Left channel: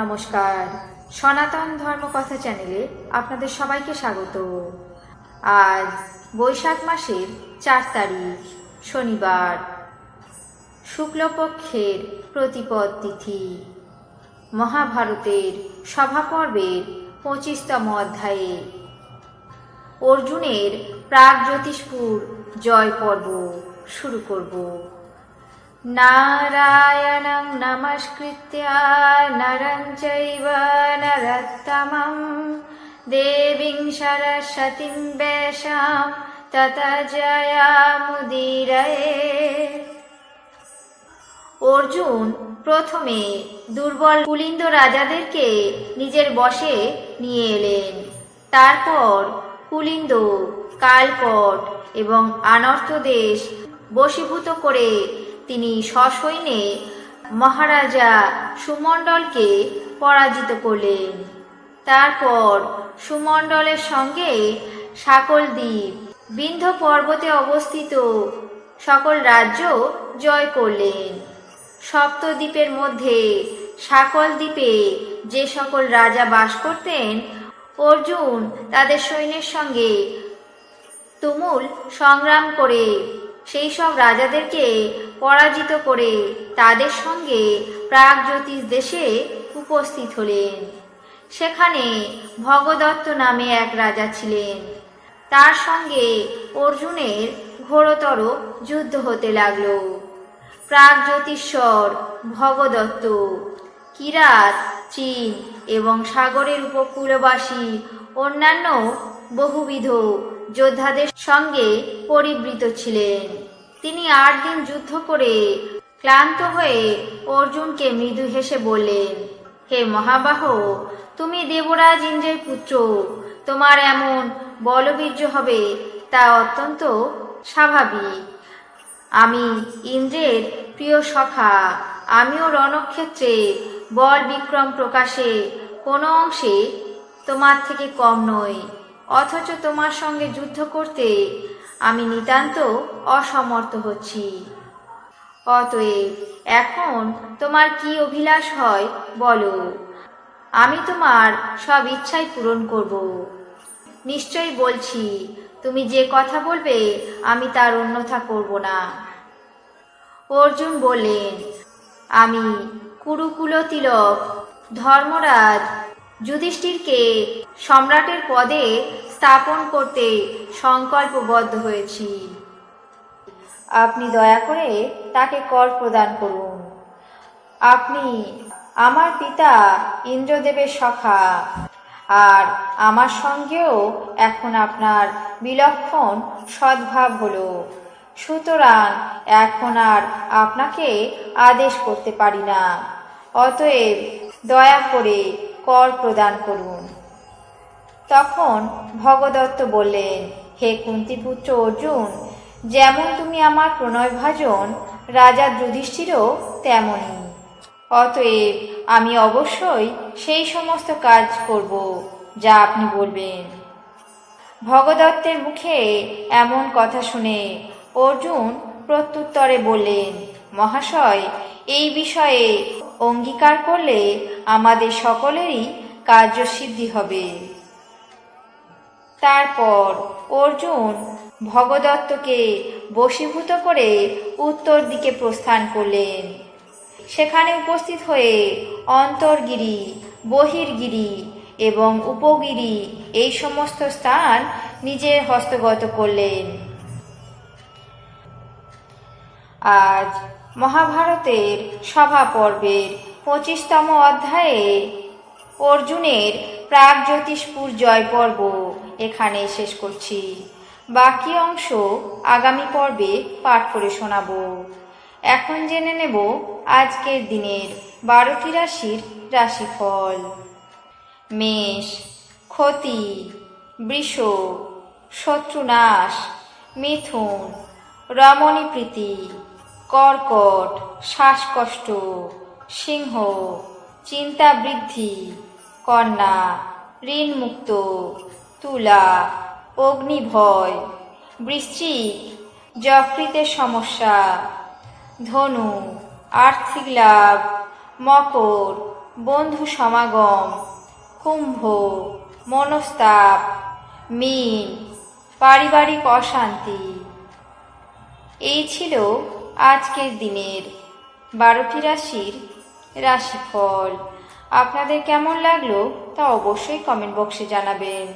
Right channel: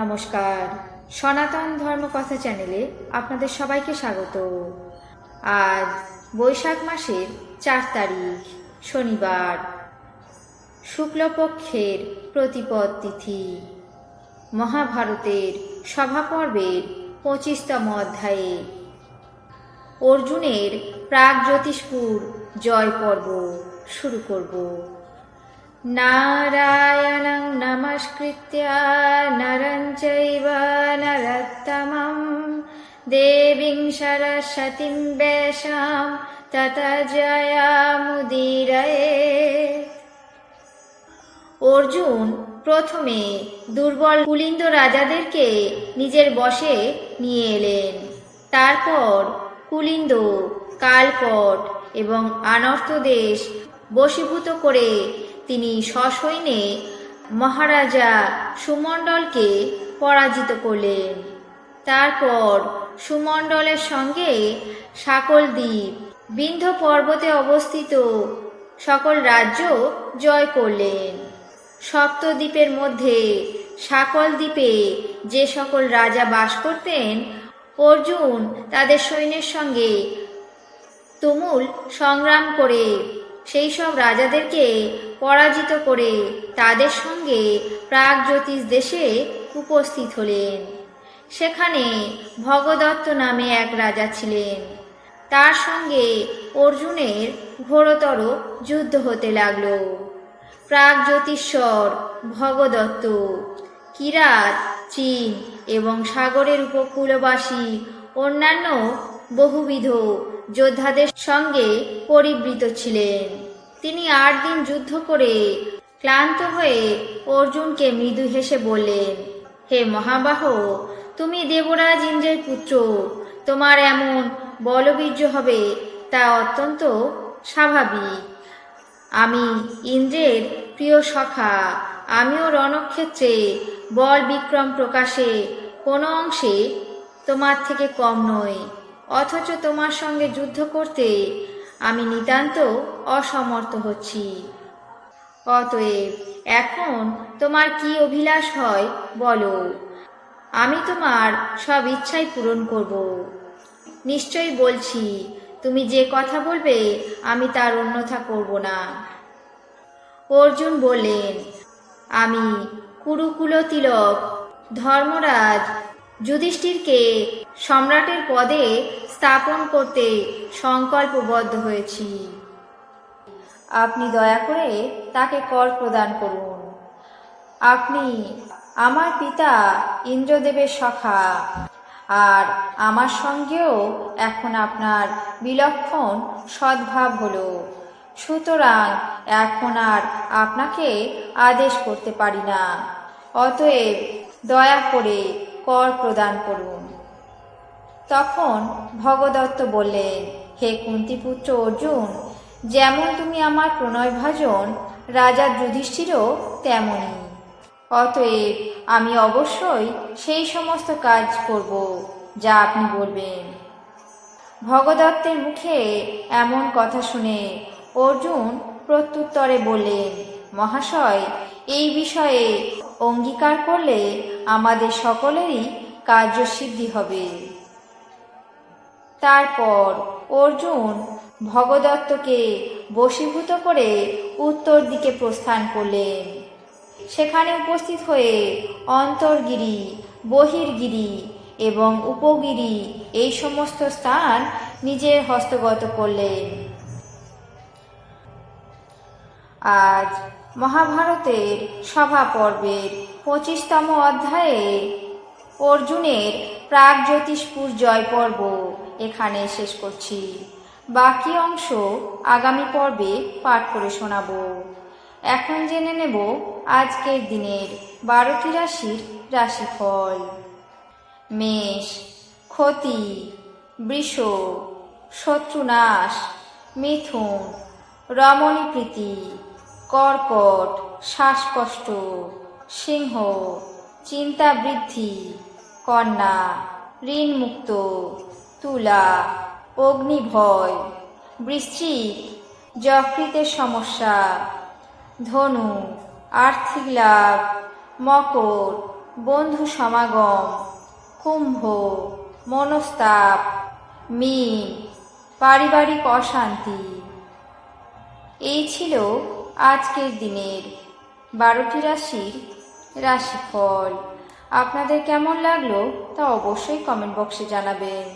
নমস্কার, সনাতন ধর্মকথা চ্যানেলে আপনাদের সবাইকে স্বাগত। আজ বৈশাখ মাসের ৪ তারিখ শনিবার, শুক্লপক্ষের প্রতিপদ তিথি। মহাভারতের সভাপর্বের ২৫তম অধ্যায়ে অর্জুনের প্রাগজ্যোতিষপুর জয় পর্ব শুরু করব। নারায়ণং নমস্কৃত্য নরং চৈব নরোত্তমং দেবীং সরস্বতীং ব্যাসাং ততো জয়মুদীরয়ে। অর্জুন প্রথমে দুর্বল কুলিন্দ রাজাদেরকে নিজের বশে নিয়ে এলেন। তারপর কুলিন্দ, কালকট এবং আনর্ত দেশ বশীভূত করে তিনি সসৈন্যে মহারাজা সুমণ্ডলকে পরাজিত করলেন। তারপর সুমণ্ডলের সঙ্গে সকল দ্বীপ, বিন্ধ্য পর্বতে অবস্থিত সকল রাজ্য জয় করলেন। সপ্তদ্বীপের মধ্যে সকল দ্বীপে যে সকল রাজা বাস করতেন, অর্জুন তাদের সৈন্যের সঙ্গে তুমুল সংগ্রাম করে সেই সব রাজাদেরকে পরাজিত করে তাদের সঙ্গে প্রাগজ্যোতিষ দেশে উপস্থিত হলেন। সেখানে ভগদত্ত নামে এক রাজা ছিলেন। তার সঙ্গে অর্জুনের ঘোরতর যুদ্ধ হতে লাগল। প্রাগজ্যোতিশ্বর ভগদত্ত কিরাত, চীন এবং সাগরের উপকূলবাসী অন্যান্য বহুবিধ যোদ্ধাদের সঙ্গে পরিবৃত ছিলেন। তিনি ৮ দিন যুদ্ধ করে ক্লান্ত হয়ে অর্জুনকে মৃদু হেসে বললেন, হে মহাবাহ, তুমি দেবরাজ ইন্দ্রের পুত্র, তোমার এমন বলবীর্য হবে তা অত্যন্ত স্বাভাবিক। আমি ইন্দ্রের প্রিয় সখা, আমিও রণক্ষেত্রে বল বিক্রম প্রকাশে কোনো অংশে তোমার থেকে কম নই, অথচ তোমার সঙ্গে যুদ্ধ করতে আমি নিতান্ত অসমর্থ হচ্ছি। অতএব এখন তোমার কি অভিলাষ হয় বলো, আমি তোমার সব ইচ্ছাই পূরণ করব। নিশ্চয়ই বলছি, তুমি যে কথা বলবে আমি তার অন্যথা করব না। অর্জুন বললেন, আমি কুরুকুল তিলক ধর্মরাজ যুধিষ্ঠিরকে সম্রাটের পদে স্থাপন করতে সংকল্পবদ্ধ হয়েছি। আপনি দয়া করে তাকে কর প্রদান করুন। আপনি আমার পিতা ইন্দ্রদেবের সখা, আর আমার সঙ্গেও এখন আপনার বিলক্ষণ সদ্ভাব হলো। সুতরাং এখন আর আপনাকে আদেশ করতে পারি না। অতএব দয়া করে কর প্রদান করুন। তখন ভগদত্ত বললেন, হে কুন্তিপুত্র অর্জুন, যেমন তুমি আমার প্রণয়ভাজন রাজা যুধিষ্ঠিরও তেমনি। অতএব আমি অবশ্যই সেই সমস্ত কাজ করব যা আপনি বলবেন। ভগদত্তের মুখে এমন কথা শুনে অর্জুন প্রত্যুত্তরে বললেন, মহাশয়, এই বিষয়ে অঙ্গীকার করলে আমাদের সকলেরই কার্যসিদ্ধি হবে। তারপর অর্জুন ভগদত্তকে বশীভূত করে উত্তর দিকে প্রস্থান করলেন। সেখানে উপস্থিত হয়ে অন্তর্গিরি, বহির্গিরি এবং উপগিরি এই সমস্ত স্থান নিজের হস্তগত করলেন। আজ মহাভারতের সভা পর্বের ২৫তম অধ্যায়ে অর্জুনের প্রাগজ্যোতিষপুর জয় পর্ব এখানে শেষ করছি। বাকি অংশ আগামী পর্বে পাঠ করে শোনাব। এখন জেনে নেব আজকের দিনের 12টি রাশির রাশিফল। মেষ, ক্ষতি, বৃষ, শত্রুনাশ, মিথুন, রমণীপ্রীতি, কর্কট, শ্বাসকষ্ট, সিংহ, চিন্তা বৃদ্ধি, কন্যা, ঋণমুক্ত, তুলা, অগ্নিভয়, বৃশ্চিক, যকৃতের সমস্যা, ধনু, আর্থিক লাভ, মকর, বন্ধু সমাগম, কুম্ভ, মনস্তাপ, মীন, পারিবারিক অশান্তি। এই ছিল আজকের দিনের 12টি রাশির রাশিফল। আপনাদের কেমন লাগলো তা অবশ্যই কমেন্ট বক্সে জানাবেন।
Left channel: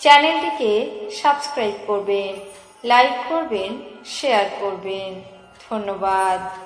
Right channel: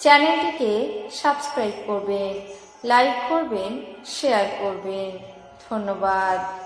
চ্যানেলটিকে সাবস্ক্রাইব করবেন, লাইক করবেন, শেয়ার করবেন। ধন্যবাদ।